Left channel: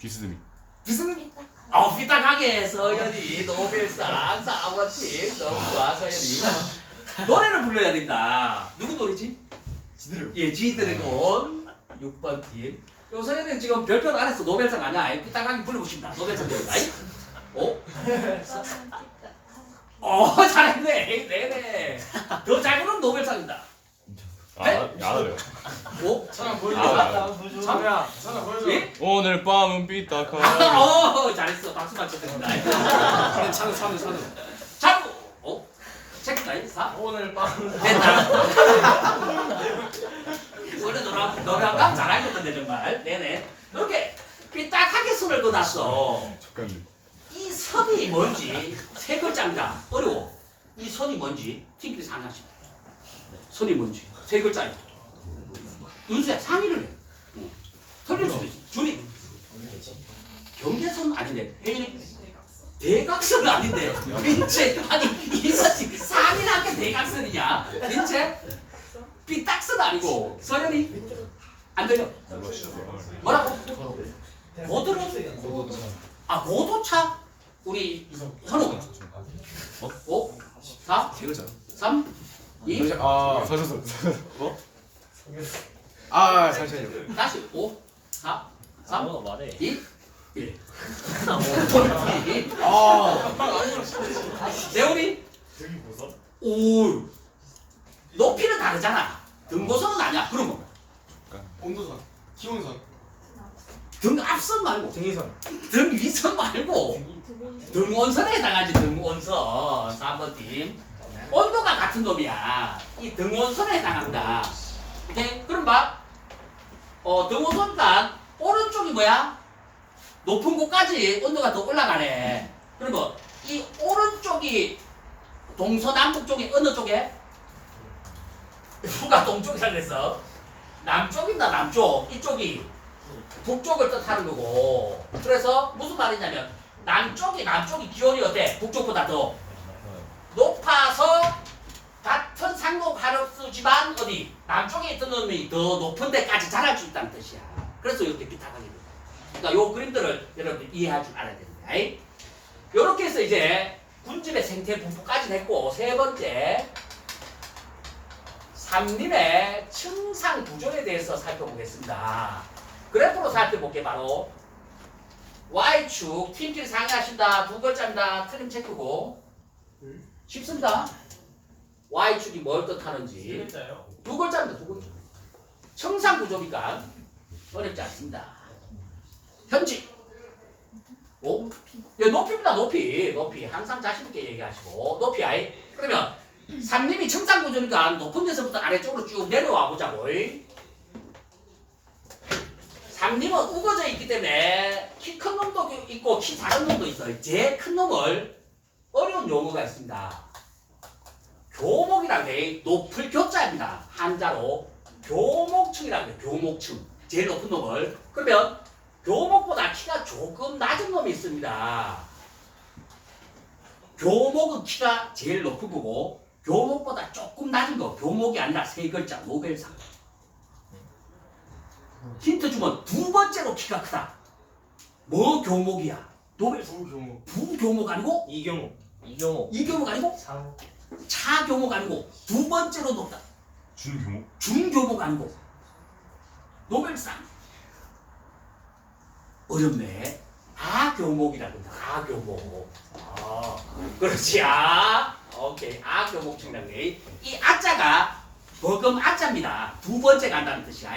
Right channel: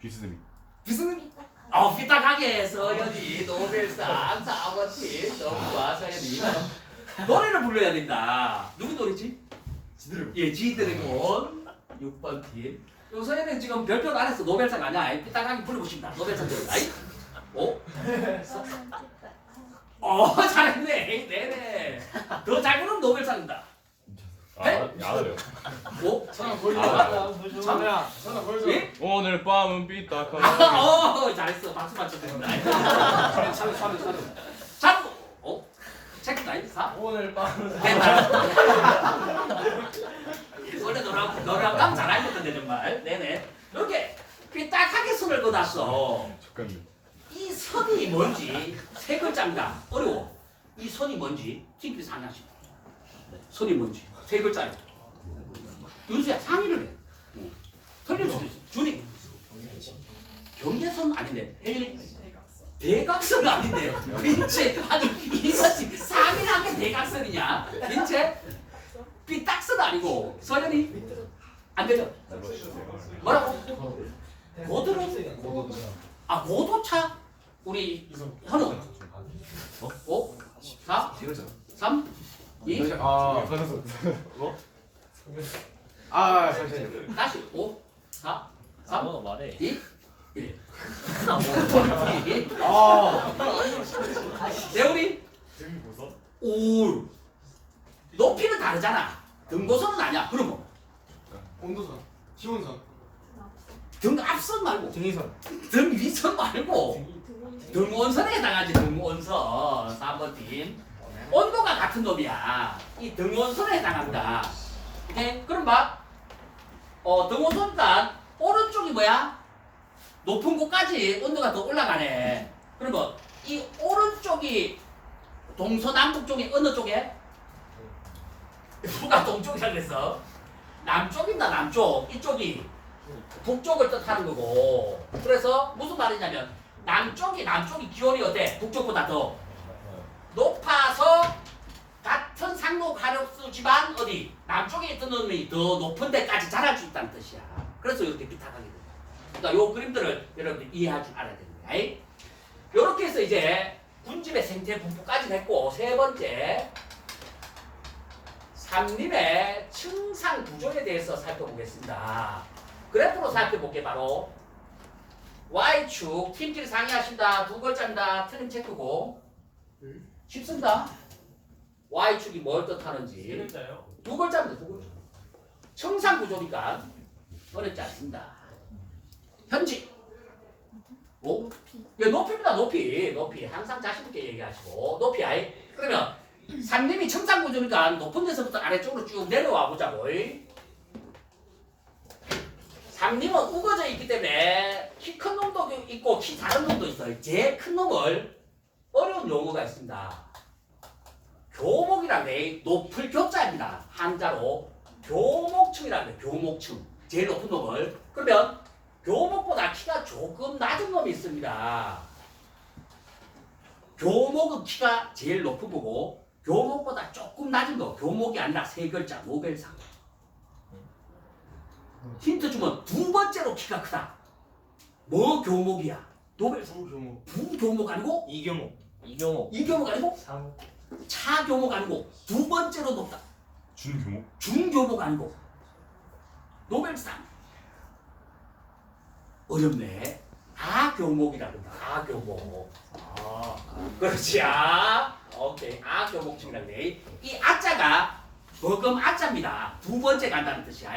비스듬히. 비스듬히 어 삐딱하게 서연이 노벨상 사원팀 너무 좋아 서연이 노래를 불러야 된다. 누구 노래지? 지드래곤. 예 지드래곤. 6번 팀. 요 서연이는 지금 별표 안 했어 노벨상 아니야. 삐딱하게 싶다. 노벨상 노래 아이. 어? 어 잘했네. 네네. 더 잘 부르면 노벨상이다. 아, 야래. 오? 천안 보여줘. 아. 참. 천안 보여줘. 예? 오늘 밤은 삐딱하게. 어 잘했어 박수 맞춰줍니다 그래 찬우 찬우 찬우. 자꾸 어? 체크 나이 사 오늘 밤은 됐다 원래 너랑 너랑 감 잘하겠던데 정말 네네 이렇게 삐딱하게 손을 그어놨어 잠깐만. 이 선이 뭔지 세 글자인가 어려워 이 선이 뭔지 팀끼리 상상식 선이 뭔지 세 글자야 윤수야 상의를 해. 수도 있어 준이. 경계선 아닌데 대각선 아닌데 민채. 아니 이것이 상이라게 대각선이냐? 민채? 삐딱선 아니고 서연이. 안 들려 뭐라고? 고도는 아 고도차? 우리 현우 어? 5 4 3 2 아. 서서서. 아 잠시만요. 다시. 5 4 3 아무나 말해. 2 1 아. 대우리? 오. 높이는 다르잖아. 등고선은 아니야. 그러면. 온도선, 기온선, 등 앞선 말고. 등이선. 등 위선 말고. 등원선에 해당하지 등원선. 3번 팀 온도가 같은 놈이야. 이 등원선에 해당한다. 오케이? 그럼 봐. 어, 등원선단 오른쪽이 뭐야? 높은 곳까지 온도가 더 올라가네. 그러면 이 오른쪽이 동서남북 쪽에 어느 쪽에? 누가 동쪽이라 그랬어? 남쪽입니다 남쪽. 이쪽이 북쪽을 뜻하는 거고. 그래서 무슨 말이냐면 남쪽이 남쪽이 기온이 어때? 북쪽보다 더 높아서 같은 상로 가격수지만 어디 남쪽에 있던 놈이 더 높은 데까지 자랄 수 있다는 뜻이야. 그래서 이렇게 비탁하게 된다. 그러니까 요 그림들을 여러분 이해할 줄 알아야 되는 거야. 이렇게 해서 이제 군집의 생태 분포까지 했고 세 번째 삼림의 층상 구조에 대해서 살펴보겠습니다. 그래프로 살펴볼게 바로. Y축 팀끼리 상의하신다. 두 글자입니다. 틀림 체크고 쉽습니다. Y축이 뭘 뜻하는지? 두 글자입니다. 두 글자. 청상 구조니까 어렵지 않습니다. 현지. 오? 예, 높이입니다. 높이. 높이. 항상 자신 있게 얘기하시고 높이 아이. 그러면 산림이 청상 구조니까 높은 데서부터 아래쪽으로 쭉 내려와 보자고. 산림은 우거져 있기 때문에 키 큰 놈도 있고 키 작은 놈도 있어요. 제일 큰 놈을 어려운 용어가 있습니다. 교목이란 게 높을 교자입니다. 한자로 교목층이라는 게 교목층. 제일 높은 놈을. 그러면 교목보다 키가 조금 낮은 놈이 있습니다. 교목은 키가 제일 높은 거고 교목보다 조금 낮은 거. 교목이 아니라 세 글자 노벨상. 힌트 주면 두 번째로 키가 크다. 뭐 교목이야? 노벨상. 소교목. 부교목 아니고 이경호. 이경호. 이교목 아니고 상. 차교목 아니고 두 번째로 높다. 준교목. 중교목 아니고 노벨상 어렵네 아교목이라 그런다 아교목 아 그렇지 아 오케이 아교목층이라네 이 아자가 버금 아자입니다 두 번째 간다는 뜻이야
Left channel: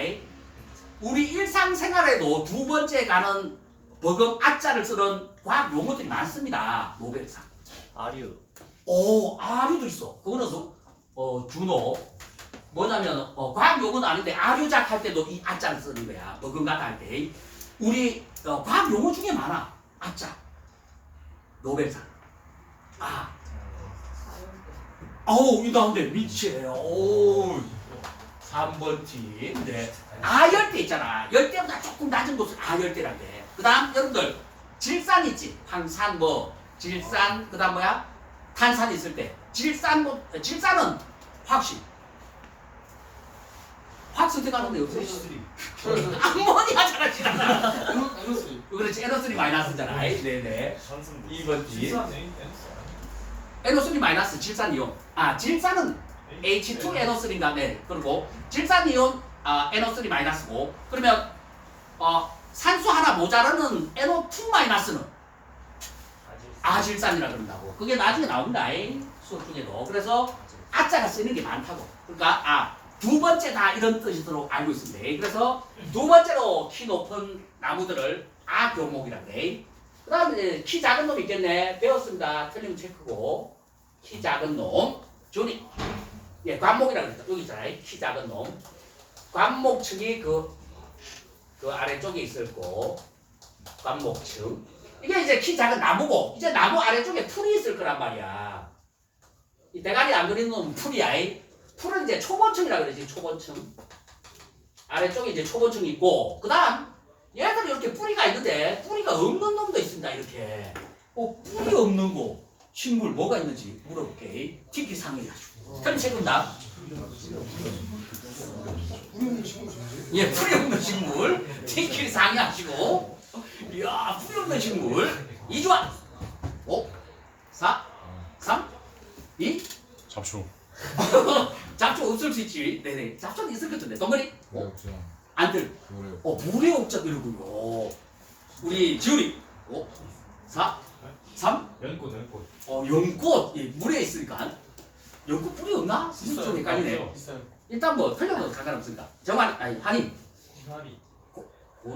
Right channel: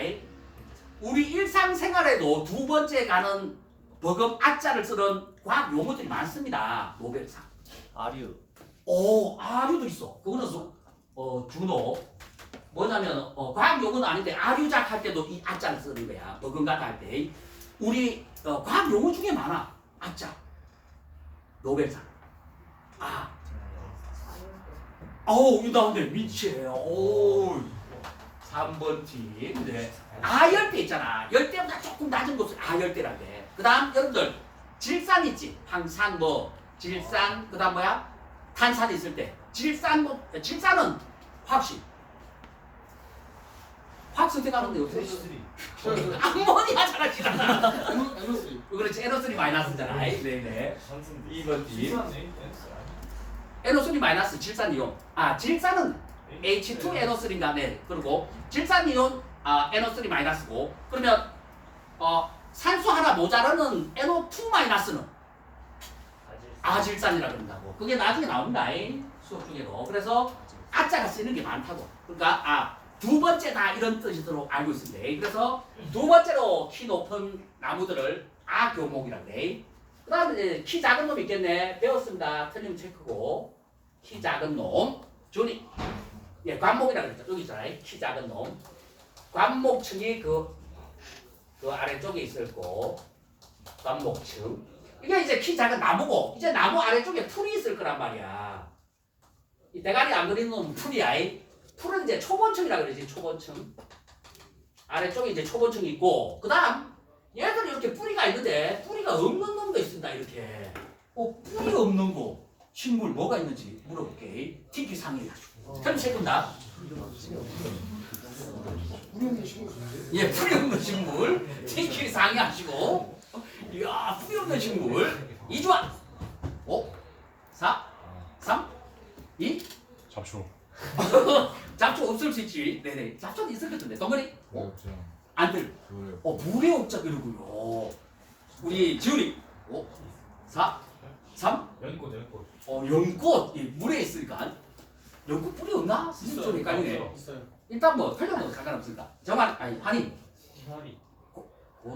우리 일상생활에도 두 번째 가는 버금 아자를 쓰는 과학 용어들이 많습니다 노벨상 아류. 오, 아류도 있어. 그거는 소- 어, 준호. 뭐냐면 어, 과학 용어는 아닌데 아류작 할 때도 이 아자를 쓰는 거야. 버금가다 할 때. 우리 어, 과학 용어 중에 많아. 아자. 노벨상. 아. 어우, 이 나온데 미치에. 오. 3번 팀. 네. 아열대 있잖아. 열대보다 조금 낮은 곳을 아열대란데. 그 다음, 여러분들, 질산 있지? 황산 뭐, 질산, 그 다음 뭐야? 탄산이 있을 때. 질산, 뭐, 질산은 확실. 확 선택하는데. H3. 암모니아 잘하시잖아. NO3. 그래, 그렇지 NO3 마이너스잖아. 네네. 산순 2번 지. NO3 마이너스 질산 이온. 아 질산은 H2NO3인가 네. 그리고 질산 이온 아, NO3 마이너스고 그러면 어, 산소 하나 모자라는 NO2 마이너스는 아질산이라 그런다고. 그게 나중에. 이 수업 중에도. 그래서 아자가 쓰는 게 많다고. 그러니까 아, 두 번째다 이런 뜻이도록 알고 있습니다. 그래서 두 번째로 키 높은 나무들을 아교목이라 그래. 그 다음에 키 작은 놈 있겠네. 배웠습니다. 틀리면 체크고. 키 작은 놈. 조니. 예, 관목이라 그랬다. 여기 있잖아요. 키 작은 놈. 관목층이 그, 그 아래쪽에 있을 거. 관목층. 이게 이제 키 작은 나무고 이제 나무 아래쪽에 풀이 있을 거란 말이야. 이 대가리 안 그리는 놈은 풀이야. 이. 풀은 이제 초본층이라 그러지 초본층. 아래쪽에 이제 초본층이 있고 그 다음 얘들이 이렇게 뿌리가 있는데 뿌리가 없는 놈도 있습니다. 이렇게. 어 뿌리 없는 거 식물 뭐가 있는지 물어볼게. 티키 상해 가지고. 그럼 세군다. 예, 풀이 없는 식물. 티키 상해하시고. 이야, 풀이 없는 식물. 이주환. 5, 4, 3, 2. 잡초. 잡초 없을 수 있지. 네네. 잡초는 있을 것 같은데. 덩어리. 어? 없죠. 안 들. 그래요. 어, 물에 옥자이러고요 우리 지훈이. 5, 4, 3. 연꽃 연꽃 어, 연꽃. 예, 물에 있으니까. 연꽃 뿌리 없나? 좀 헷갈리네. 있어요. 일단 뭐 틀려도 상관없으니까. 정말 아니 한이. 희마리 고,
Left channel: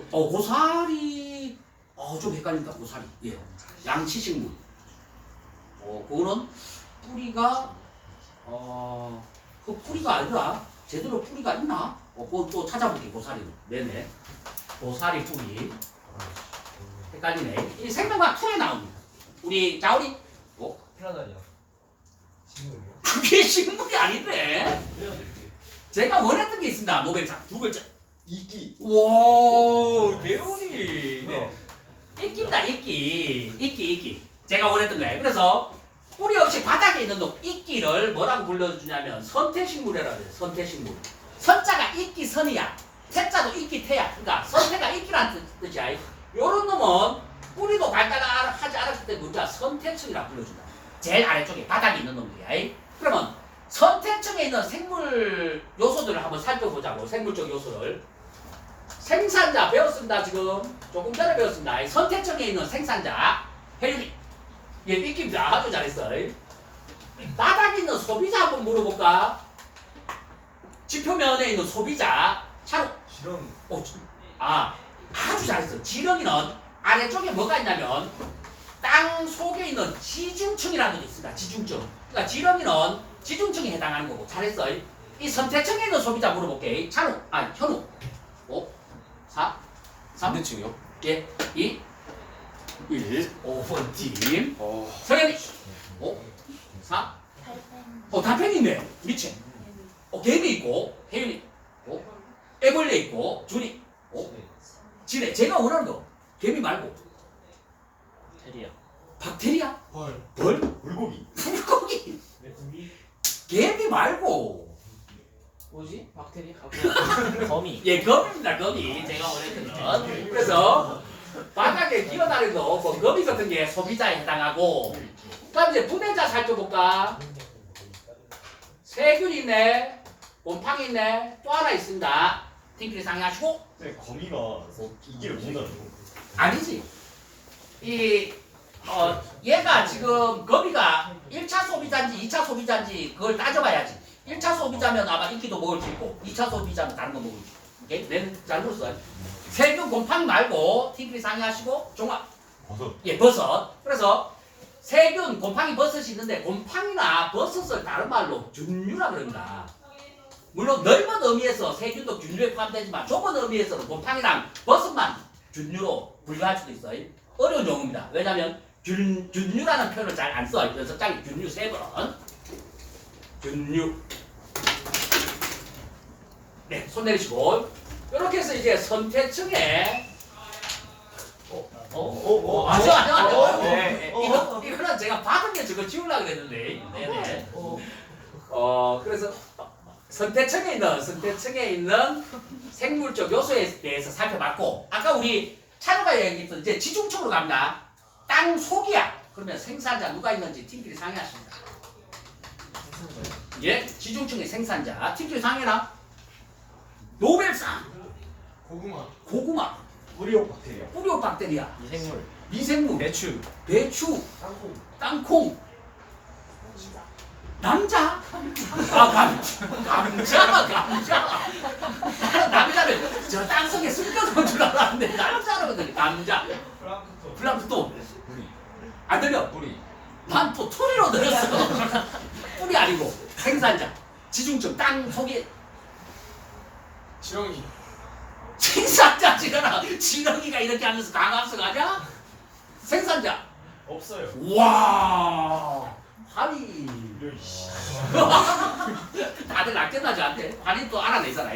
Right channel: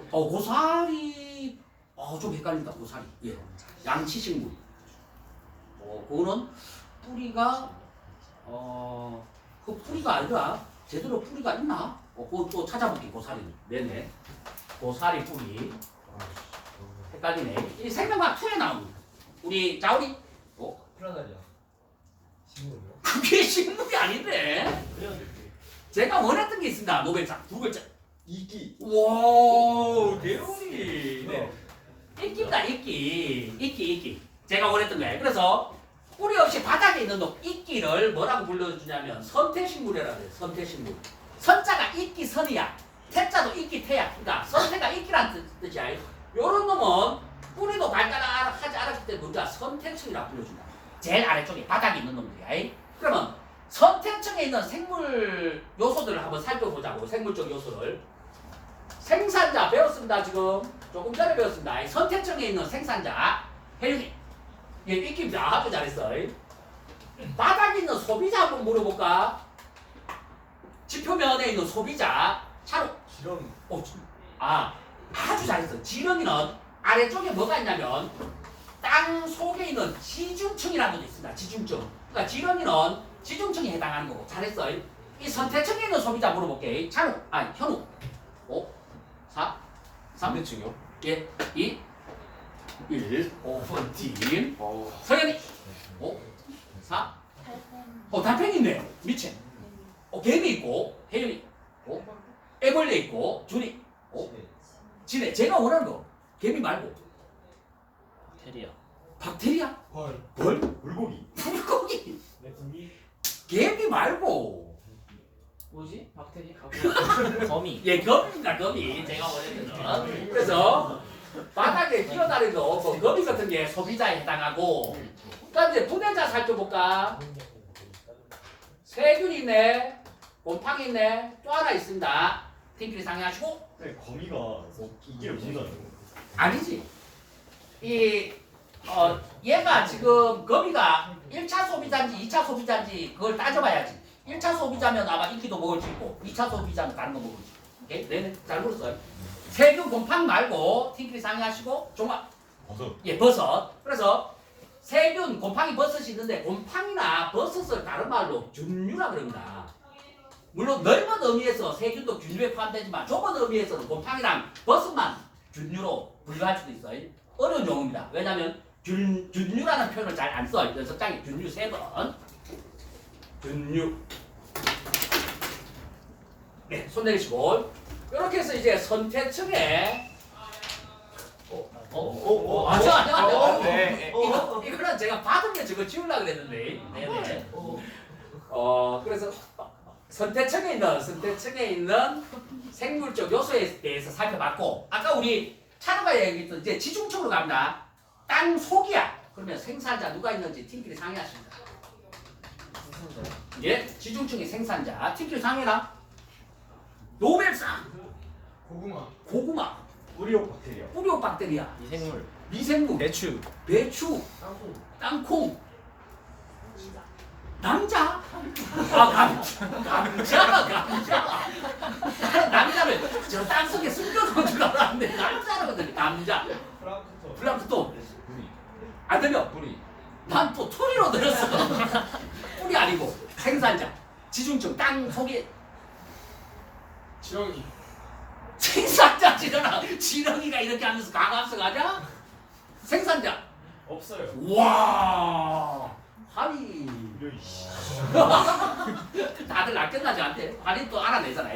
어 고사리. 어좀 헷갈린다 고사리. 예. 양치 식물. 어 그거는 뿌리가 어그 뿌리가 아니라 제대로 뿌리가 있나? 어 그거 또 찾아볼게 고사리는. 네네. 고사리 뿌리. 헷갈리네. 이 생명과 투에 나옵니다. 우리 자우리. 어 플라다리아 식물이요? 그게 식물이 아닌데. 제가 원했던 게 있습니다. 노벨상. 두 글자. 이끼 와 대운이 네. 이끼다 이끼 이끼 이끼 제가 원했던 거예요. 그래서 뿌리 없이 바닥에 있는 놈 이끼를 뭐라고 불러주냐면 선태식물이라고 해요 선태식물. 선자가 이끼 선이야. 태자도 이끼 태야. 그러니까 선태가 이끼란 뜻- 뜻이야. 요런 놈은 뿌리도 발달하지 않았기 때문에 우리가 선태층이라고 불러준다. 제일 아래쪽에 바닥에 있는 놈들이야. 그러면 선태층에 있는 생물 요소들을 한번 살펴보자고 생물적 요소를. 생산자 배웠습니다 지금. 조금 전에 배웠습니다. 이 선택층에 있는 생산자. 혜윤이. 얘 익힙니다. 아주 잘했어 바닥에 있는 소비자 한번 물어볼까? 지표면에 있는 소비자. 차로. 실험 어, 아 아주 잘했어. 지렁이는 아래쪽에 뭐가 있냐면 땅 속에 있는 지중층이라는 게 있습니다. 지중층. 그러니까 지렁이는 지중층에 해당하는 거고. 잘했어 이 선택층에 있는 소비자 물어볼게. 찬우. 아 현우. 5 4 3 반대층이요? 예, 2 1 5번 팀 어. 성현이. 5 4 어, 달팽이 있네 미체 어, 개미 있고 혜윤이. 어, 애벌레 있고 준이. 어, 지네 제가 원하는 거. 개미 말고 테리야. 박테리아? 헐. 벌 물고기. 물고기? 메뚜기 개미 말고. 뭐지? 박테리아? 거미. 예 거미입니다 거미. 제가 원했던 건 그래서 바닥에 기어다니는 뭐 거미 같은 게 소비자에 해당하고. 그다음 이제 부대자 살펴볼까? 세균 있네 곰팡이 있네 또 하나 있습니다. 팅키리 상의하시고. 네 거미가 뭐 못다는 거 아니지. 이, 어, 얘가 지금 거미가 1차 소비자인지 2차 소비자인지 그걸 따져봐야지. 1차 소비자면 아마 인기도 먹을 수 있고 2차 소비자면 다른 거 먹을 수 있고. 오케이? 네, 잘 물었어요. 세균 곰팡이 말고 팅크리 상의하시고 종합. 버섯 예, 버섯. 그래서 세균 곰팡이 버섯이 있는데 곰팡이나 버섯을 다른 말로 균류라 그럽니다. 물론 넓은 의미에서 세균도 균류에 포함되지만 좁은 의미에서는 곰팡이랑 버섯만 균류로 분류할 수도 있어요. 어려운 용어입니다. 왜냐하면 균, 균류라는 표현을 잘 안 써요. 그래서 짝이 균류 세 번. 균류. 네, 손 내리시고. 이렇게 해서 이제 어, 어, 어, 어, 아니요, 아니요. 어, 네. 이거, 이거는 제가 받은 게 저거 지우려고 그랬는데. 네네. 어, 그래서 선택층에 있는, 선택층에 있는 생물적 요소에 대해서 살펴봤고, 아까 우리 차로가 얘기했던 이제 지중층으로 갑니다. 땅 속이야. 그러면 생산자 누가 있는지 팀끼리 상의하십니다. 예, 지중층의 생산자 팀끼리 상의라. 노벨상, 고구마. 고구마, 뿌리옥 박테리아. 뿌리오박테리아, 미생물. 미생물, 배추. 배추, 땅콩. 땅콩, 남자, 아 감, 감자, 감자. 나는 남자를 저 땅속에 숨겨놓은 줄 알았는데 남자라거든. 남자. 플랑크톤. 뿌리. 안 되면 뿌리. 난또 토리로 들었어. 뿌리 아니고 생산자, 지중층, 땅 속에 지렁이. 생산자 지르나 지렁이가 이렇게 하면서 강압성 하냐? 생산자. 없어요. 와, 씨. 다들 낚였나 저한테? 아니 또 알아내잖아.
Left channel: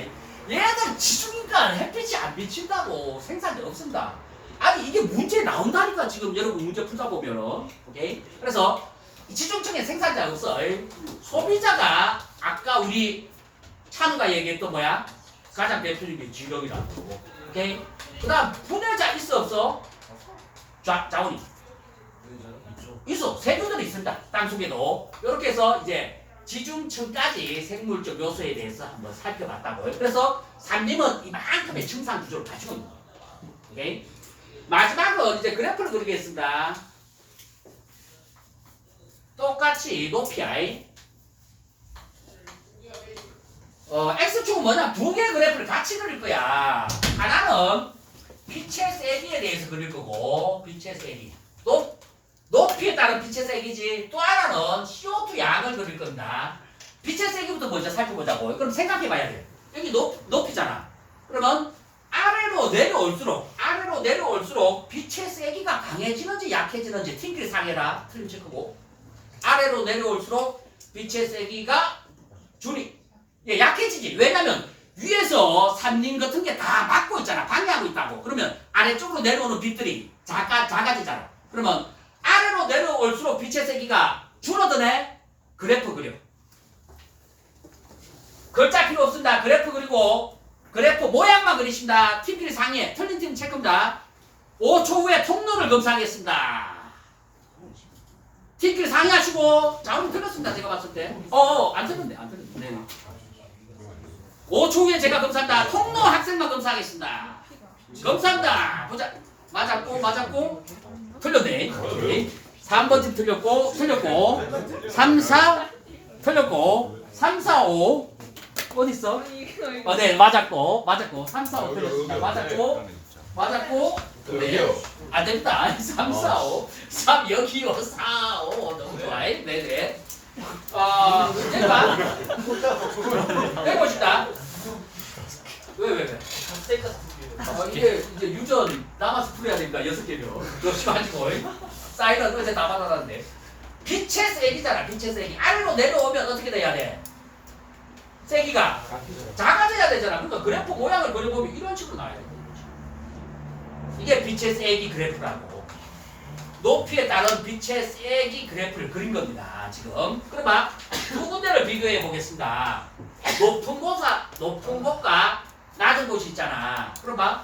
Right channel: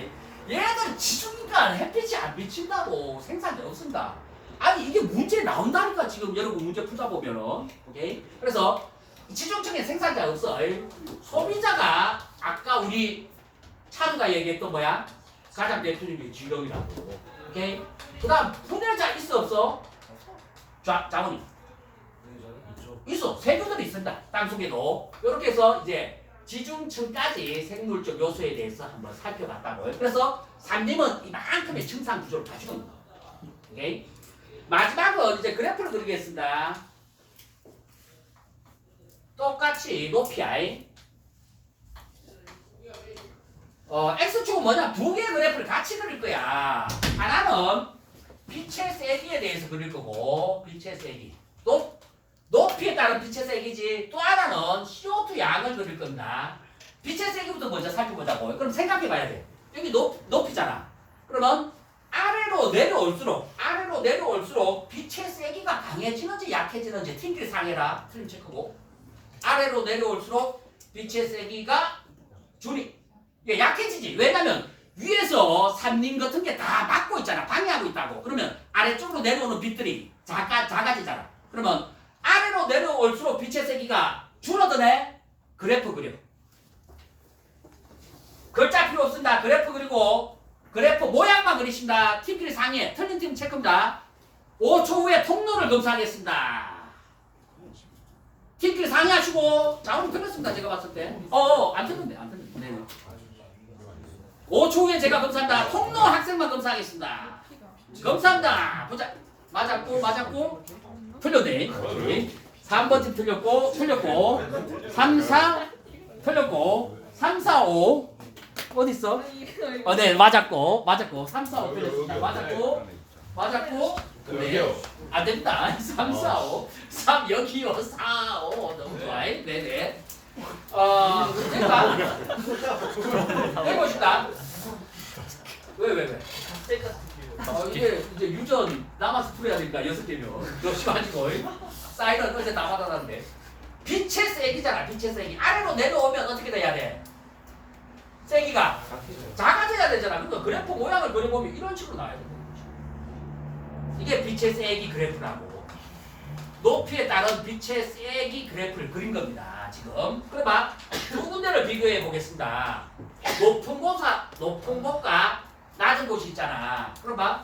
얘들 지중이가 햇빛이 안 비친다고 생산자 없습니다. 아니 이게 문제 나온다니까 지금 여러분 문제 풀다 보면은 오케이. 그래서 이 지중층에 생산자 없어. 소비자가 아까 우리 찬우가 얘기했던 뭐야? 가장 대표적인 게 지렁이라고. 오케이. 그다음 분해자 있어 없어? 자 자원이 있어 세균들이 있습니다. 땅 속에도 이렇게 해서 이제 지중층까지 생물적 요소에 대해서 한번 살펴봤다고요. 그래서 산림은 이만큼의 층상 구조를 가지고 있는 거예요. 오케이? 마지막은 이제 그래프를 그리겠습니다. 똑같이 높이야. 어, x축은 뭐냐? 두 개의 그래프를 같이 그릴 거야. 하나는 빛의 세기에 대해서 그릴 거고, 빛의 세기. 높, 높이에 따른 빛의 세기지. 또 하나는 CO2 양을 그릴 겁니다. 빛의 세기부터 먼저 살펴보자고. 그럼 생각해 봐야 돼. 여기 높, 높이잖아. 그러면 아래로 내려올수록, 아래로 내려올수록 빛의 세기가 강해지는지 약해지는지 팀끼리 상해라. 틀림 체크고. 아래로 내려올수록 빛의 세기가 줄이 예, 약해지지. 왜냐면 위에서 산림 같은 게 다 막고 있잖아. 방해하고 있다고. 그러면 아래쪽으로 내려오는 빛들이 작아, 작아지잖아. 그러면 아래로 내려올수록 빛의 세기가 줄어드네? 그래프 그려. 글자 필요 없습니다. 그래프 그리고 그래프 모양만 그리십니다. 팀끼리 상의해. 틀린 팀 체크입니다. 5초 후에 통로를 검사하겠습니다. 팀끼리 상의하시고 자 오늘 틀렸습니다. 제가 봤을 때. 어, 안 틀렸네. 안 틀렸네. 네네. 5초 후에 제가 검사한다. 통로 학생만 검사하겠습니다. 검사합니다. 보자. 맞았고 맞았고 틀렸네. 오케이. 3번 집 틀렸고 틀렸고 3, 4 틀렸고 3, 4, 5 어디 있어? 어, 네 맞았고 맞았고 3, 4, 5 틀렸습니다. 맞았고 맞았고 네. 안 됩니다. 3, 4, 5 3 여기요 4, 5 너무 좋아요. 네네. 어, 해봐. 해봅시다. 왜, 왜, 왜? 어, 이게 이제 유전 남아서 풀어야 되니까 여섯 개면. 그렇지가지고 사이런 어제 다 받아놨는데. 빛의 세기잖아, 빛의 세기. 아래로 내려오면 어떻게 돼야 돼? 세기가 작아져야 되잖아. 그러니까 그래프 모양을 그려보면 이런 식으로 나와야 돼. 이게 빛의 세기 그래프라고. 높이에 따른 빛의 세기 그래프를 그린 겁니다. 지금. 그러면 두 군데를 비교해 보겠습니다. 높은 곳과 높은 곳과 낮은 곳이 있잖아. 그러면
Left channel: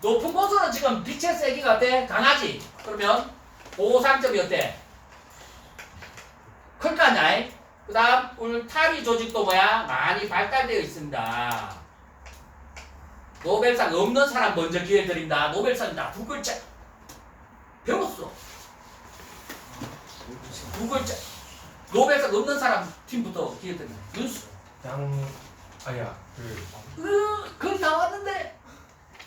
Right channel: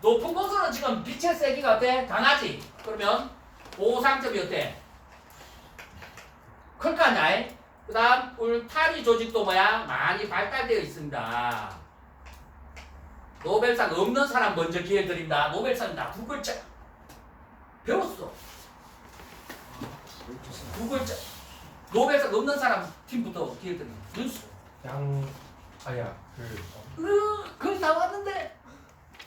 높은 곳은 지금 빛의 세기가 어때? 강하지? 그러면 보상점이 어때? 클거 아니야? 그 다음 울타리 조직도 뭐야? 많이 발달되어 있습니다. 노벨상 없는 사람 먼저 기회 드린다. 노벨상이다. 두 글자. 배웠어. 두 글자. 노벨상 없는 사람 팀부터 기회 드린다. 윤수. 양. 아야. 그. 으, 거의 다 왔는데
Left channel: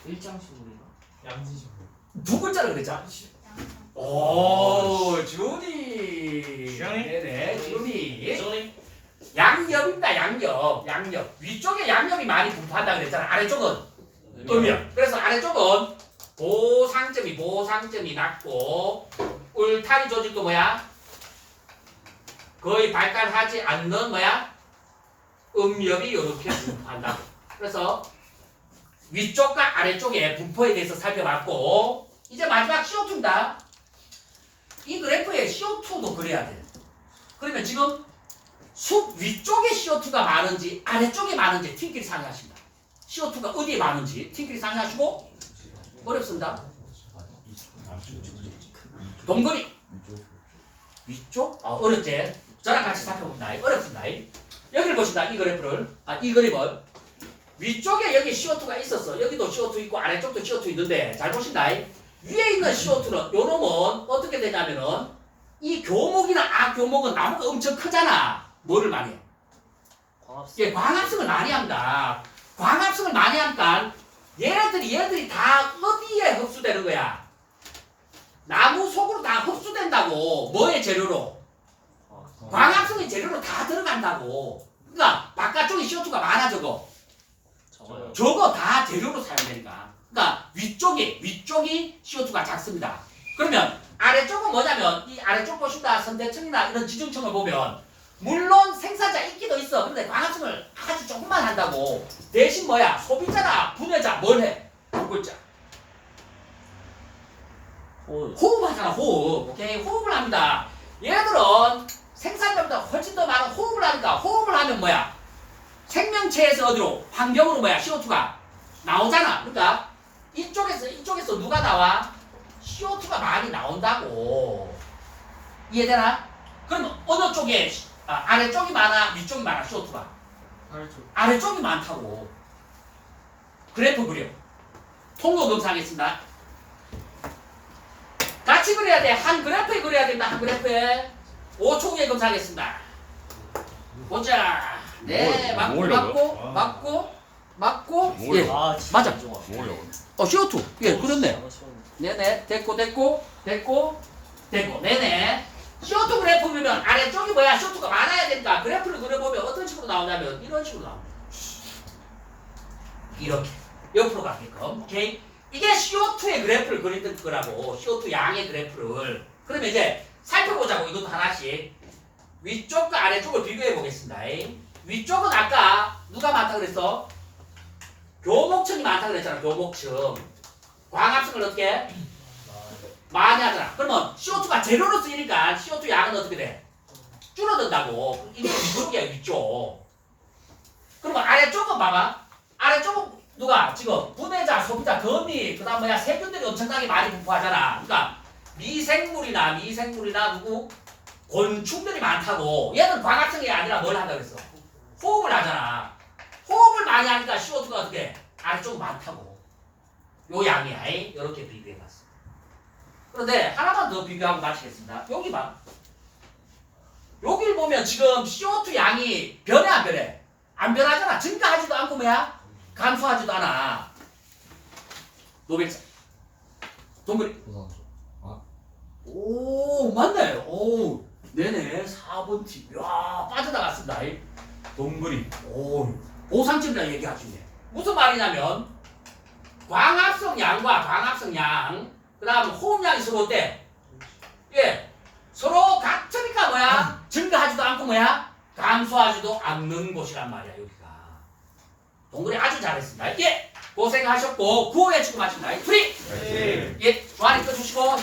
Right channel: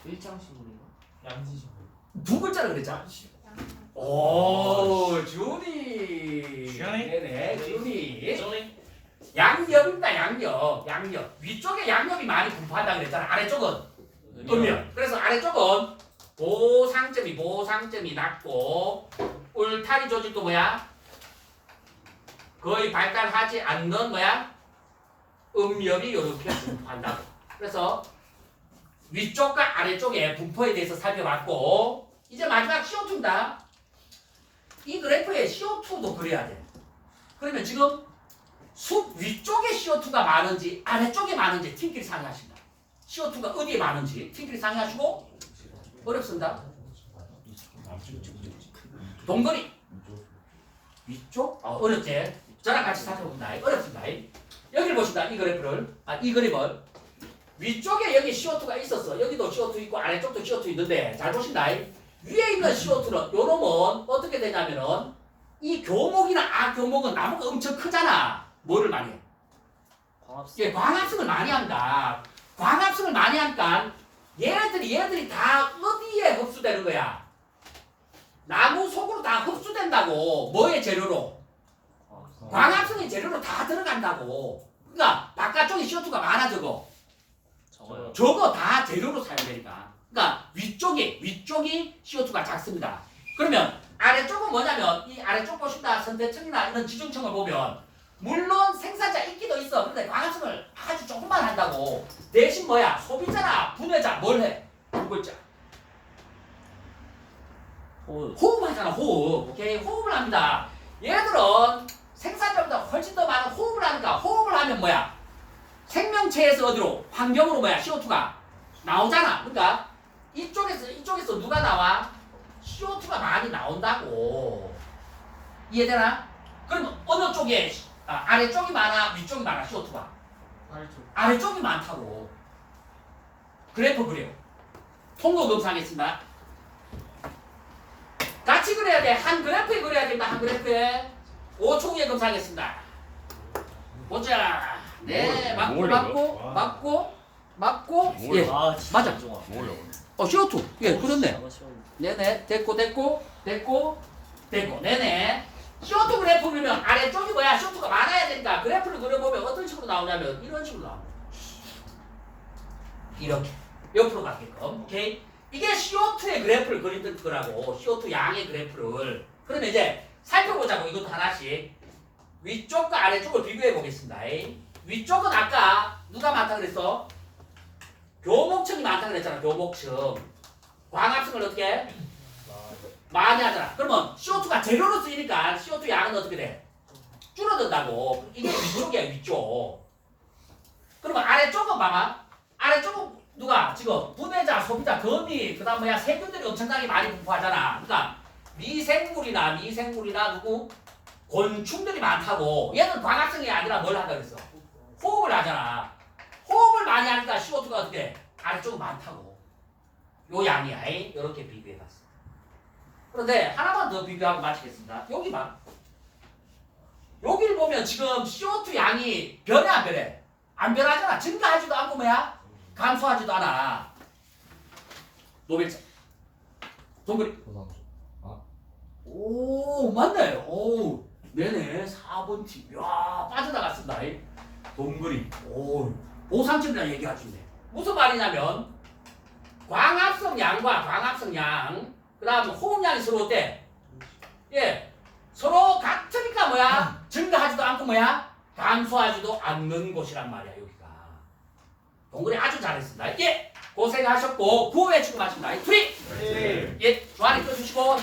일장식물인가? 양지식물. 두 글자를 그랬잖아. 오, 준이. 준이? 네네, 준이. 소리. 양옆입니다, 양옆. 양옆. 위쪽에 양옆이 많이 분포한다 그랬잖아. 아래쪽은 음력. 그래서 아래쪽은 보상점이 보상점이 낮고 울타리 조직도 뭐야? 거의 발달하지 않는 뭐야? 음력이 이렇게 분포한다. 그래서 위쪽과 아래쪽의 분포에 대해서 살펴봤고 이제 마지막 CO2입니다. 이 그래프에 CO2도 그려야 돼. 그러면 지금 숲 위쪽에 CO2가 많은지 아래쪽에 많은지 팀끼리 상의하십니다. CO2가 어디에 많은지 팀끼리 상의하시고 어렵습니다. 동그리 위쪽? 어, 어렵지? 저랑 같이 살펴봅니다. 어렵습니다. 여기를 보신다. 이 그래프를. 아, 이 그림을. 위쪽에 여기 CO2가 있었어. 여기도 CO2 있고 아래쪽도 CO2 있는데 잘 보신다. 위에 있는 CO2는 요 놈은 어떻게 되냐면은 이 교목이나 악교목은 나무가 엄청 크잖아. 뭐를 많이 해? 광합성. 예, 광합성을 많이 합니다. 광합성을 많이 하니까 얘네들이 얘네들이 다 어디에 흡수되는 거야? 나무 속으로 다 흡수된다고. 뭐의 재료로? 광합성의 재료로 다 들어간다고. 그러니까 바깥쪽에 CO2가 많아 저거. 저거 다 재료로 사용되니까. 그러니까 위쪽이 위쪽이 CO2가 작습니다. 그러면 아래쪽은 뭐냐면 이 아래쪽 보신다 선대층이나 이런 지중층을 보면 물론 생산자 있기도 있어. 근데 광합성을 아주 조금만 한다고. 대신 뭐야? 소비자나 분해자 뭘 해? 호. 호흡하잖아 호흡. 오케이 호흡을 합니다. 얘들은 생산자보다 훨씬 더 많은 호흡을 하니까 호흡을 하면 뭐야? 생명체에서 어디로? 환경으로 뭐야? CO2가 나오잖아. 그러니까 이쪽에서 이쪽에서 누가 나와? CO2가 많이 나온다고. 이해되나? 그럼 어느 쪽에 아, 아래쪽이 많아, 위쪽이 많아, CO2가? 아래쪽. 아래쪽이 많다고. 그래프 그려. 통로 검사하겠습니다. 같이 그려야 돼. 한 그래프에 그려야 된다. 한 그래프에. 5초 후에 검사하겠습니다. 보자. 네, 뭘, 맞고, 뭘 맞고? 아. 맞고, 맞고. 뭘 예. 아, 진짜 맞아. 뭐예요? 어, CO2. 예, 그렇네. 네네. 됐고, 됐고, 됐고, 됐고. 네네. CO2 그래프 그리면 아래쪽이 뭐야? CO2가 많아야 된다. 그래프를 그려보면 어떤 식으로 나오냐면 이런 식으로 나옵니다. 이렇게. 옆으로 가게끔. 오케이? 이게 CO2의 그래프를 그리던 거라고. CO2 양의 그래프를. 그러면 이제 살펴보자고. 이것도 하나씩. 위쪽과 아래쪽을 비교해 보겠습니다. 위쪽은 아까 누가 많다 그랬어? 교목층이 많다 그랬잖아. 교목층. 광합성을 어떻게? 많이 하잖아. 그러면 CO2가 재료로 쓰이니까 CO2 양은 어떻게 돼? 줄어든다고. 이게 위쪽이야, 위쪽. 그러면 아래쪽은 봐봐. 아래쪽은 누가 지금 분해자, 소비자, 거미, 그 다음 뭐야, 세균들이 엄청나게 많이 분포하잖아. 그러니까 미생물이나 미생물이나 누구? 곤충들이 많다고. 얘는 광합성이 아니라 뭘 한다 그랬어? 호흡을 하잖아. 호흡을 많이 하니까 CO2가 어떻게? 아래쪽은 많다고. 요 양이야. 이렇게 비교해봤어. 그런데 하나만 더 비교하고 마치겠습니다. 여기 봐. 여기 보면 지금 CO2 양이 변해 안 변해? 안 변하잖아. 증가하지도 않고 뭐야? 감소하지도 않아. 노벨상. 동그리. 오 맞네. 오 네네 4번 팀. 야 빠져나갔습니다. 이. 동그리. 오 보상점이라 얘기하시네. 무슨 말이냐면 광합성 양과 광합성 양, 그 다음 호흡량이 서로 어때? 예, 서로 같으니까 뭐야? 증가하지도 않고 뭐야? 감소하지도 않는 곳이란 말이야 여기가. 동그리 아주 잘했습니다. 예, 고생하셨고 구호에 치고 마칩니다. 프리. 네. 예, 조아리 꺼주시고.